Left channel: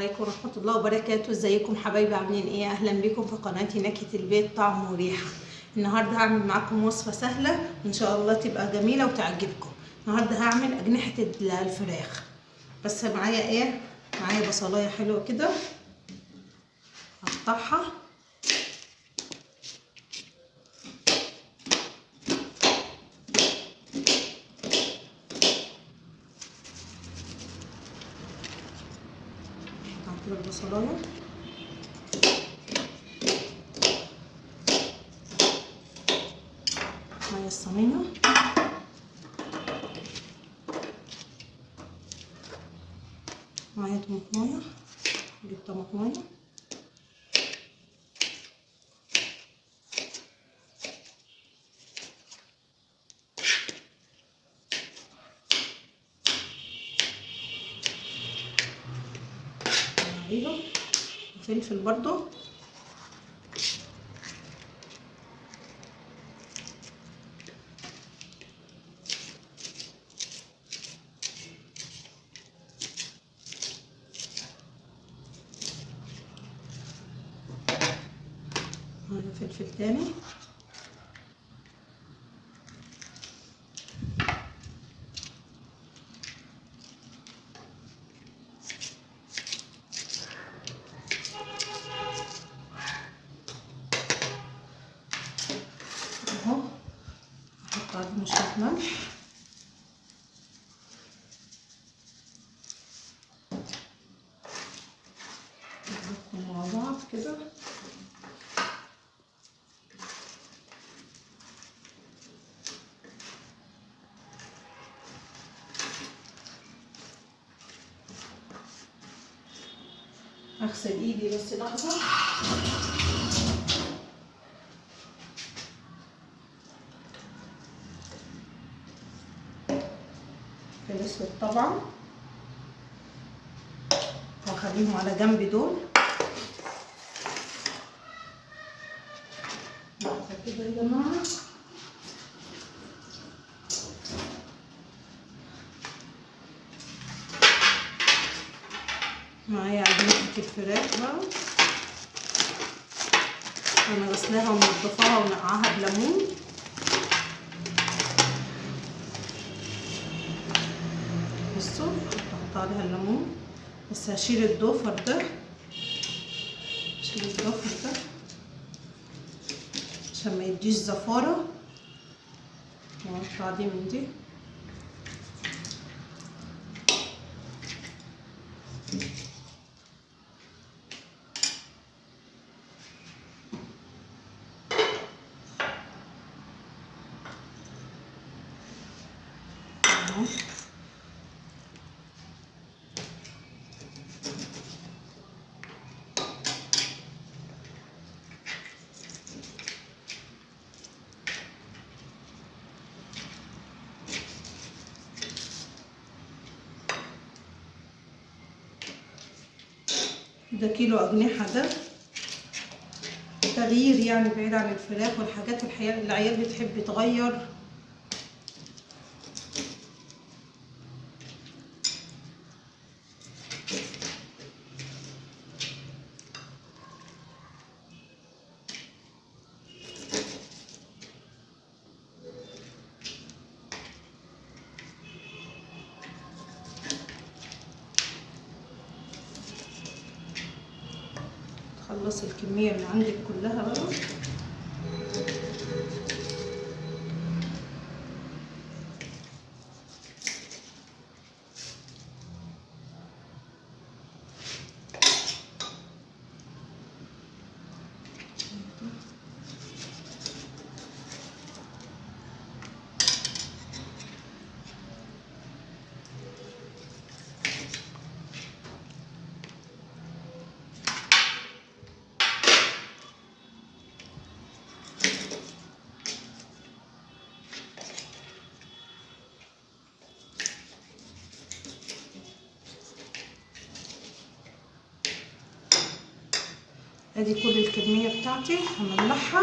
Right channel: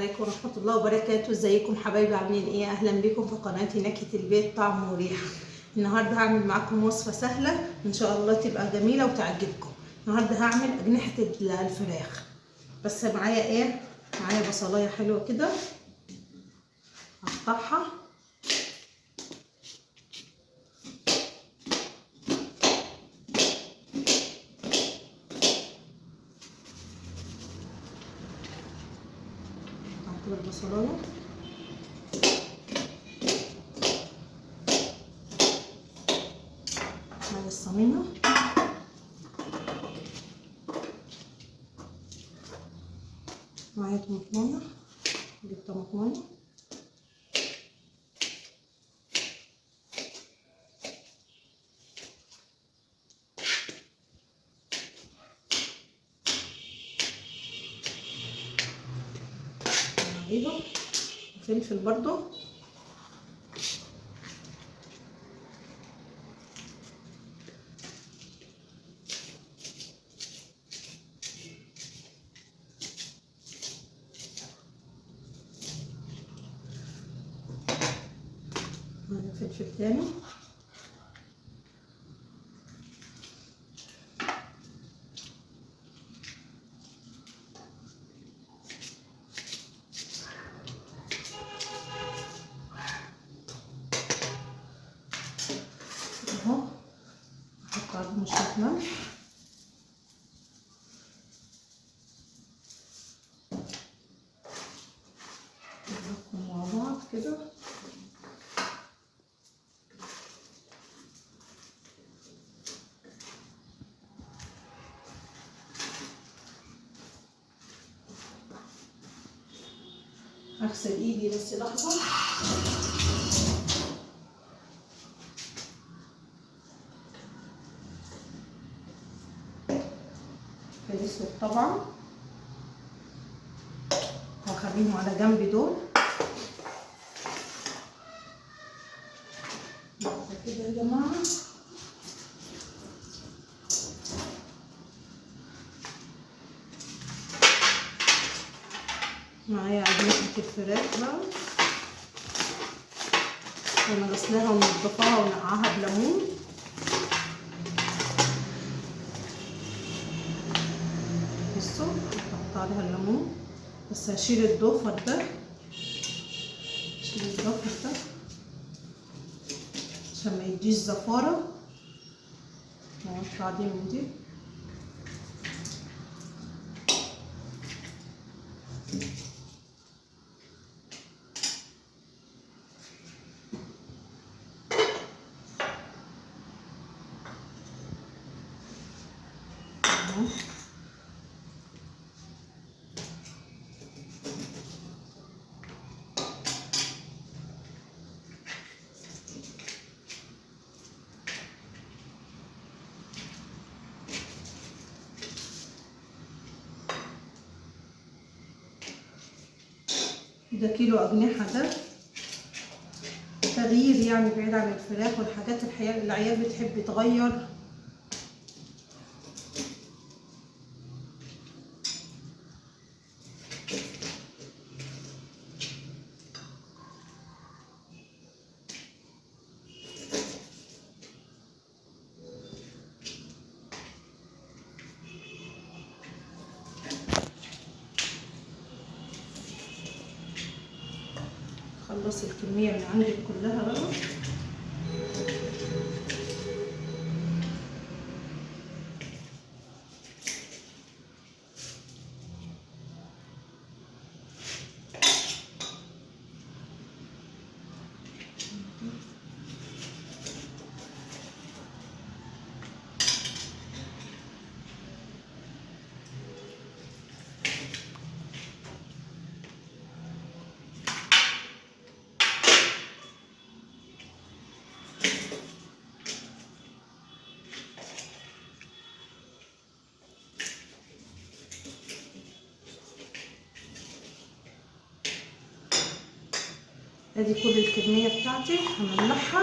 عليكم ورحمة الله وبركاته. ازيكم حبايبي، عاملين ايه؟ اهلا بكم في قناتي نكهة البيت طعم وريحة. النهارده هعمل معاكم وصفة سهلة ان شاء الله تبقى جميلة وتعجبكم. النهارده هعمل اجنحة الفراخ، بس معايا ايه؟ معايا بصلاية حلوة كده هقطعها. كده البصلاية معايا الصينية، معايا طماطمايه، نجيب طماطمايه عليها وفلفل برضو، معايا فلفل تاني، اهو احط عليه شوية ملح نحطهم مع بعض كده. اغسل ايدي بس لحظة. الاسود طبعا واخليهم على جنب دول كده يا جماعة. معايا عجينة الفراخ بقى، انا غسلاها ومنضفاها ونقعها بليمون. بصوا هحط عليها الليمون، بس هشيل الضفر ده، هشيل الضفر ده عشان ما يديش زفارة، واقطع دي من دي. ده كيلو أجنحة، ده تغيير يعني بعيد عن الفراخ والحاجات الحقيقة اللي العيال بتحب تغير. خلص الكمية اللي عندك كلها بقى. ادي كل الكمية بتاعتي هملحها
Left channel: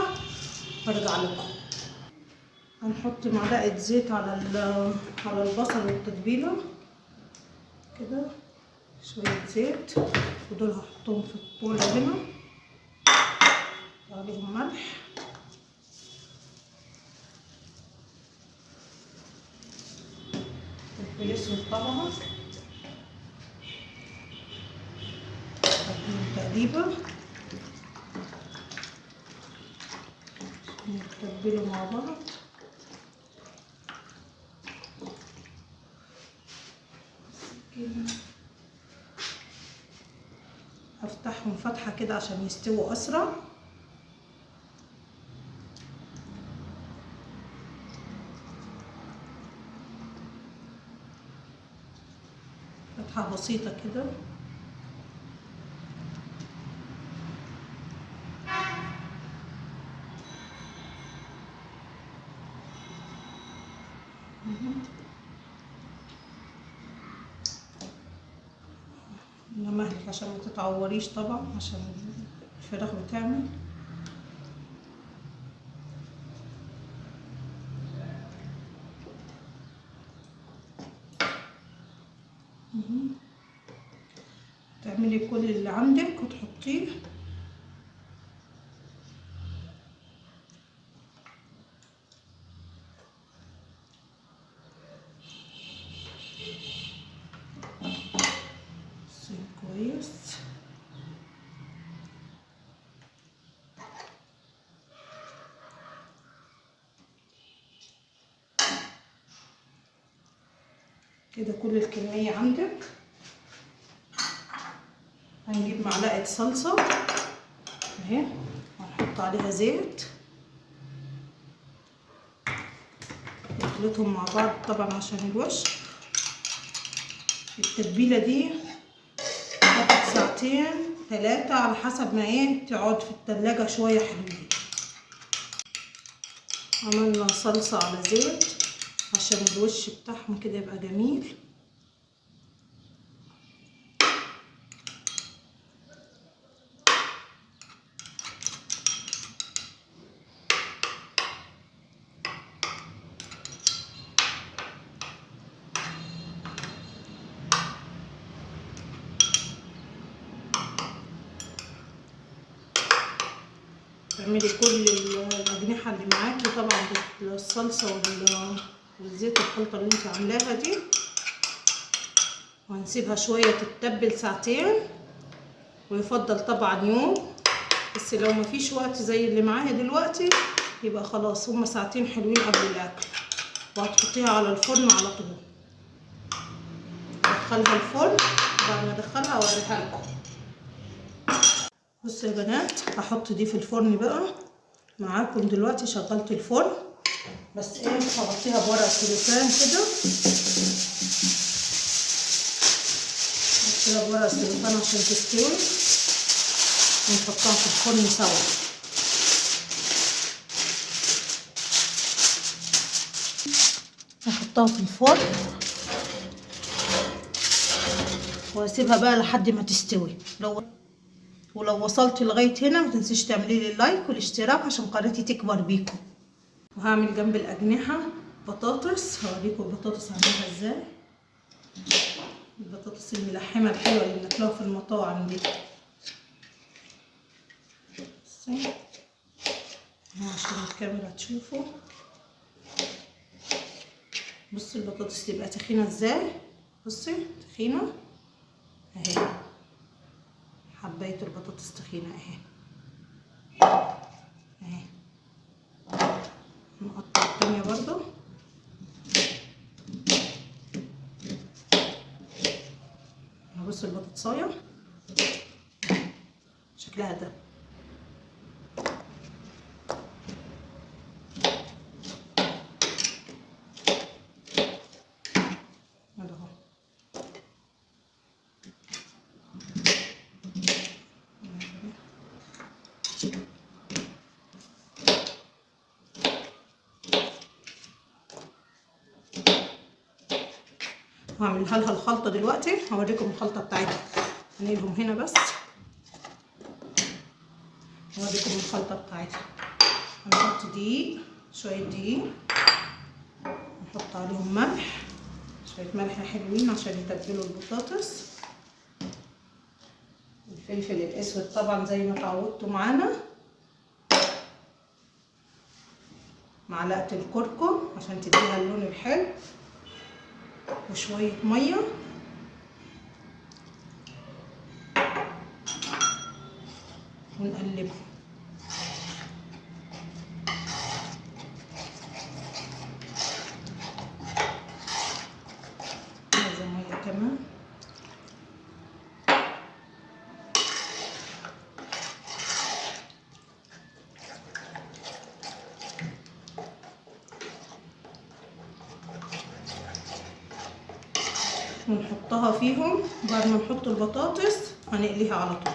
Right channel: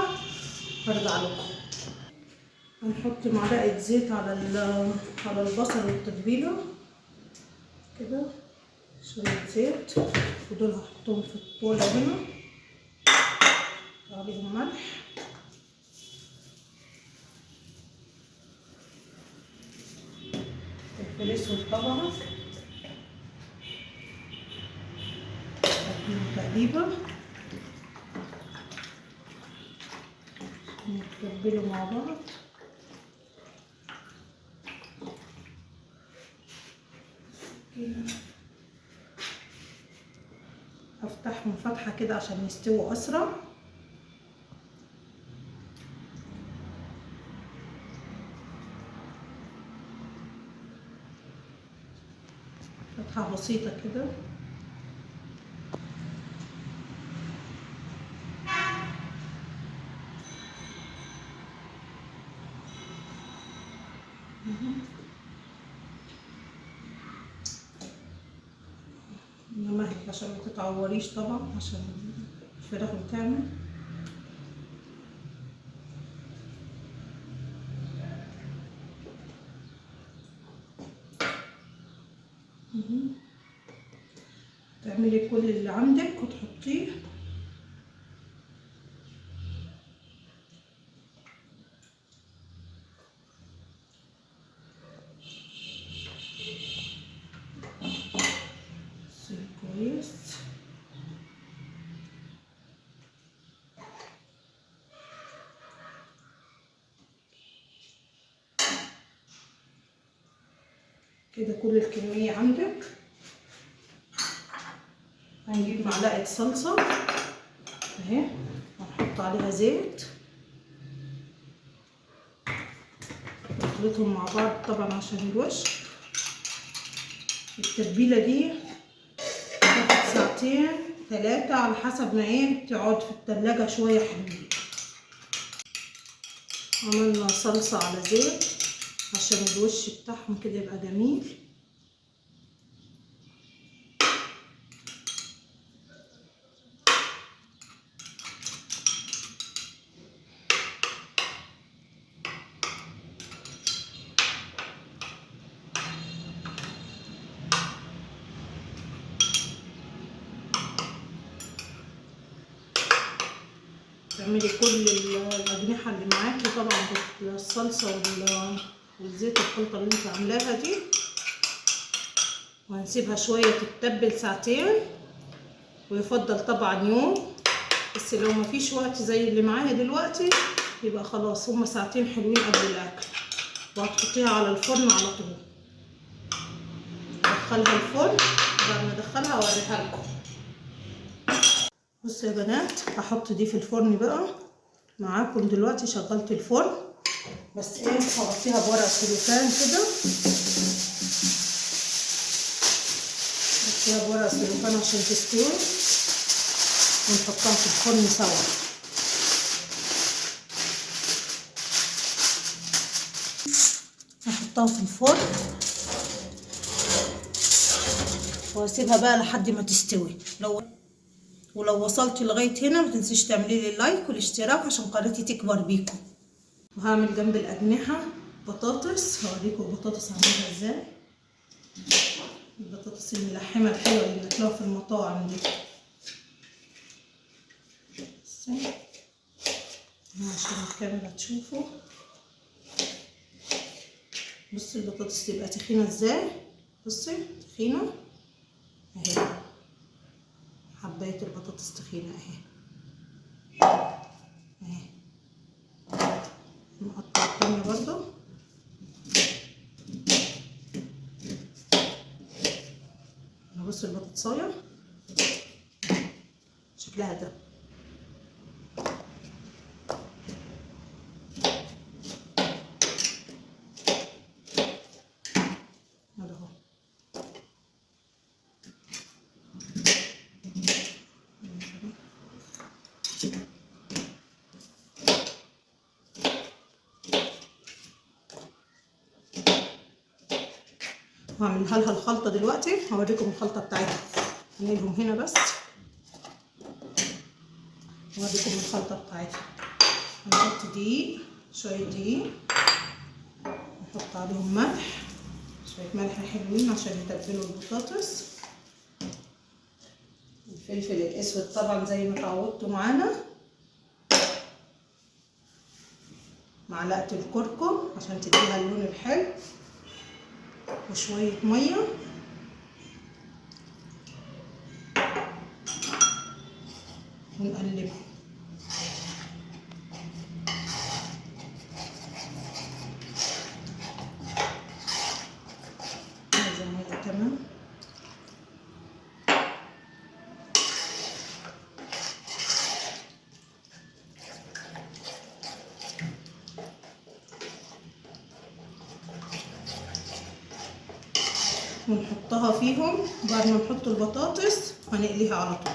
وارجع لكم. هنحط معلقة زيت على البصل والتتبيلة كده، شوية زيت ودول هحطهم في البولة هنا، عليهم ملح، فلفل اسود طبعا، اديهم تقليبه نتبلوا مع بعض. هفتحهم فتحة كده عشان يستووا اسرع. فتحة بسيطة كده. نمهل عشان ما تتعوريش طبعا، عشان الفراخ بتعمل. تعملي كل اللي عندك وتحطيه. كويس. كده كل الكمية عندك. هنجيب معلقة صلصة اهي وهنحط عليها زيت، نخلطهم مع بعض طبعا عشان الوش. التتبيلة دي تاخد ساعتين 3 على حسب ما ايه تقعد في التلاجة شوية حلوين. عملنا صلصة على زيت عشان الوش بتاعهم كده يبقى جميل. تعملي كل الأجنحة اللي معاكي طبعا بالصلصة والزيت الخلطة اللي انت عاملاها دي، وهنسيبها شوية تتبل ساعتين، ويفضل طبعا يوم، بس لو مفيش وقت زي اللي معايا دلوقتي يبقى خلاص هما ساعتين حلوين قبل الأكل. وهتحطيها على الفرن على طول. ادخلها الفرن، بعد ما ادخلها اوريها لكم. بصوا يا بنات، هحط دي في الفرن بقى معاكم دلوقتي. شغلت الفرن بس ايه هغطيها بورق سلوفان كده، هغطيها بورق سلوفان عشان تستوي، ونحطها في الفرن سوا. هحطها في الفرن واسيبها بقى لحد ما تستوي. ولو وصلت لغايه هنا ما تنسيش تعملي لي لايك والاشتراك عشان قناتي تكبر بيكم. وهعمل جنب الاجنحه بطاطس، هوريكم البطاطس هعملها ازاي. البطاطس الملحمه الحلوه اللي بناكلوها في المطاعم دي. بصي عشان الكاميرا تشوفوا. بصي البطاطس تبقى تخينه ازاي، بصي تخينه اهي، حبايه البطاطس تخينه اهي اهي. نقطع التانية برضو. بصوا البطاطسايه شكلها ده. هعملها لها الخلطه دلوقتي، هوريكم الخلطه بتاعتها. هنقلهم هنا بس هوريكم الخلطه بتاعتها. هنحط دقيق، شويه دقيق، نحط عليهم ملح، شويه ملح حلوين عشان يتبلوا البطاطس. الفلفل الاسود طبعا زي ما اتعودتوا معانا، معلقه الكركم عشان تديها اللون الحلو، وشويه ميه ونقلبها. عايزه ميه كمان. ونحطها فيهم بعد ما نحط البطاطس، هنقليها على طول.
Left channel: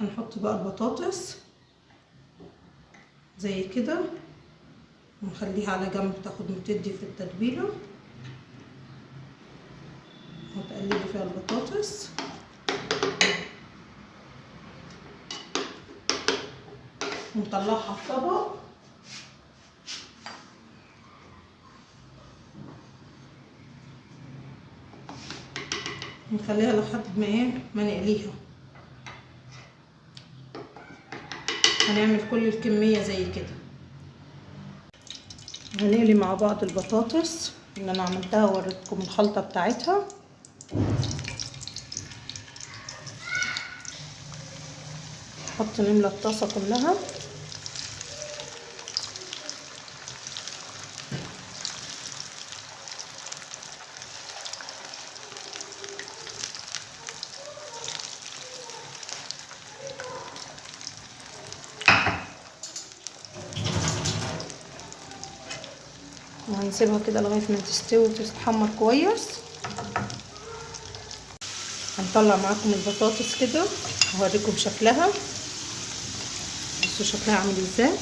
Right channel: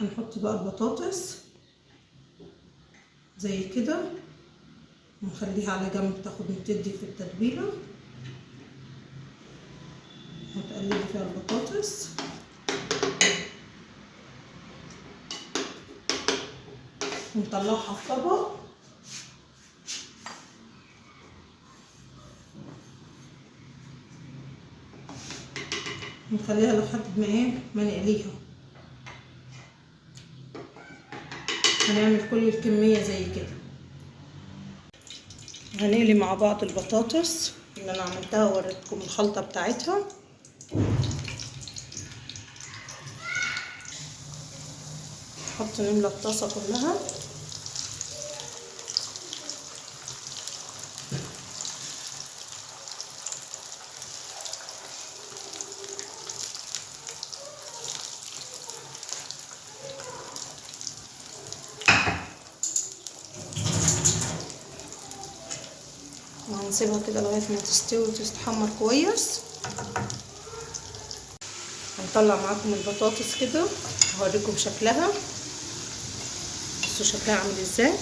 هنحط بقى البطاطس زي كده، ونخليها على جنب تاخد وتدي في التتبيله. هتقلبي فيها البطاطس ونطلعها في طبق. نخليها لحد ما نقليها. هنعمل كل الكميه زي كده. هنقلي مع بعض البطاطس اللي انا عملتها ووريتكم الخلطه بتاعتها. نحط نملى الطاسه كلها. وهنسيبها كده لغايه ما تستوي وتتحمر كويس. هنطلع معاكم البطاطس كده، هوريكم شكلها. بصوا شكلها عامل ازاي.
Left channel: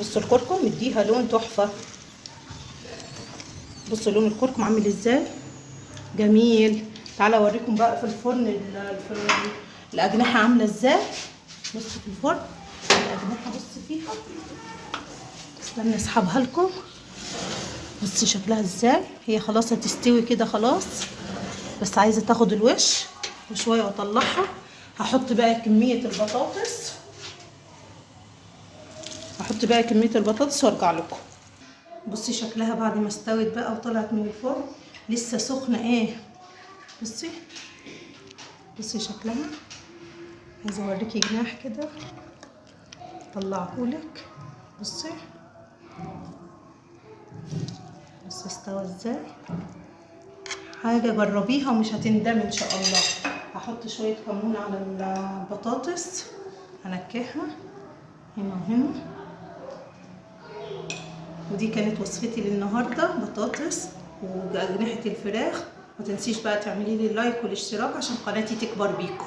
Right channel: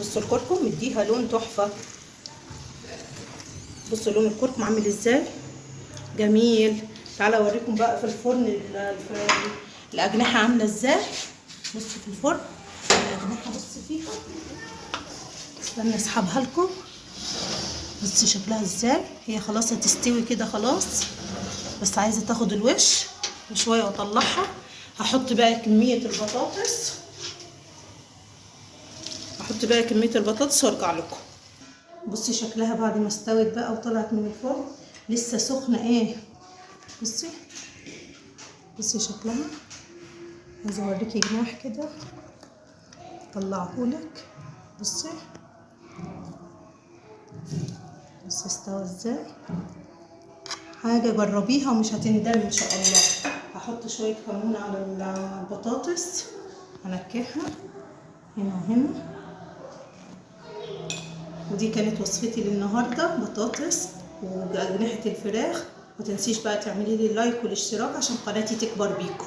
بصوا الكركم مديها لون تحفه. بصوا لون الكركم عامل ازاي جميل. تعالى اوريكم بقى في الفرن الاجنحه عامله ازاي. بصوا في الفرن الاجنحه، بصوا فيها. استنى اسحبها لكم. بصوا شكلها ازاي. هي خلاص هتستوي كده خلاص، بس عايزه تاخد الوش وشويه واطلعها. هحط بقى كميه البطاطس. وارجع لكم. بصي شكلها بعد ما استوت بقى وطلعت من الفرن لسه سخنه ايه. بصي شكلها. عايزه اوريكي جناح كده، طلعهولك. بصي استوى ازاي. حاجه جربيها ومش هتندمي ان شاء الله. هحط شويه كمون على البطاطس، هنكهها هنا وهنا. ودي كانت وصفتي للنهارده، بطاطس وأجنحة الفراخ. ما تنسيش بقى تعملي لي لايك والاشتراك عشان قناتي تكبر بيكم.